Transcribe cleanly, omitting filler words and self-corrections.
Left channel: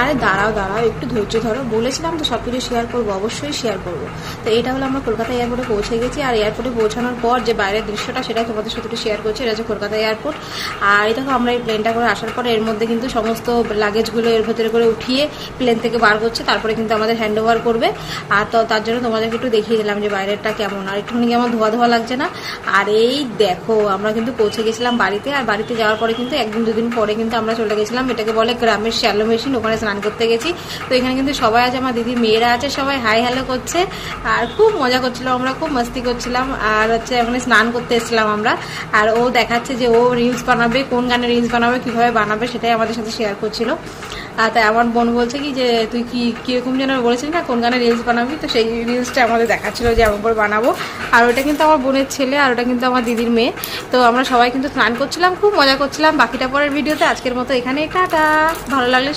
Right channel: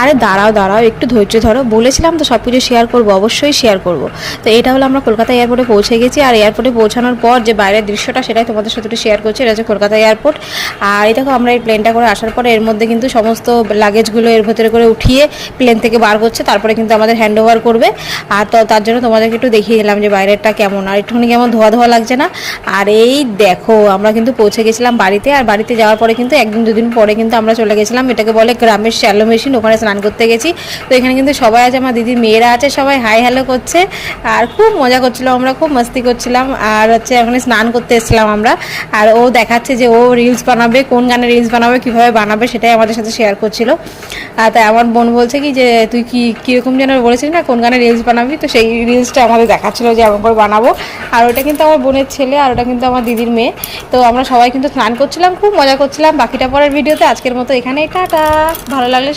আরে দাঁড়াও দাঁড়াও, একটু ধৈর্য ধরো, বলেছিলাম তো সব কিছু শেয়ার করবো, অবশ্যই শেয়ার করব। তো এটা হলো আমরা কলকাতা এয়ারপোর্টে পৌঁছে গেছি, আর এয়ারপোর্টে পৌঁছানোর পর যে বাইরের দৃশ্যটা সেটাই তোমাদের সাথে একটু শেয়ার করছি। এটা হচ্ছে কলকাতা এয়ারপোর্ট। আর এই দেখো আমরা এই প্লেনটা করে আসার পরে এর মধ্যে কিন্তু সমস্ত লাগেজগুলো এর ভেতরে করে উঠিয়ে প্লেন থেকে বার করছে, তারপরে কিন্তু আমাদের হ্যান্ড ওভার করবে। আর তো তার জন্য তোমাদেরকে একটু দেখিয়ে দিলাম যে বাইরেরটা কেমন, আর একটুখানি কেমন ধোয়া ধোয়া লাগছে না। আর এই দেখো আমরা কিন্তু পৌঁছে গেছিলাম বাড়িতে, আর বাড়িতে যাওয়ার পরে কিন্তু একদিন দুদিন পরে কিন্তু আমরা চলে গেছিলাম, এটাকে বলে গ্রামের শ্যালো মেশিন, ওখানে স্নান করতে গেছি। তো এখানে কিন্তু সবাই আছে, আমার দিদির মেয়েরা আছে, সবাই হাই হ্যালো করছে আর খুব মজা করছিলাম, আমরা খুব মস্তি করছিলাম। আর হচ্ছে ওখানে স্নান করতে এসেছিলাম আমরা। আর ও দেখাচ্ছে যে ও রিলস বানাবে, কোন গানে রিলস বানাবে, কীভাবে বানাবে সেটাই আমাদের সাথে শেয়ার করছিল। আর তাই আমার বোন বলছে কি যে তুই কীরকম যেন বলেছিস না কোন গানে রিলস বানাবি, তো সেই রিলসটা আমাদের দেখাচ্ছিলো যে এমন করে বানাবো। আর ওটা কিন্তু আমার বোনের ছেলে, আর ওটা কিন্তু আমার দিদির মেয়ে। তো আমরা সবাই কিন্তু স্নান করছিলাম, খুব মজা করছিলাম। বাকিটা পরের ভিডিওতে, আজকের মতো এখানেই টাটা। ভালো লাগলে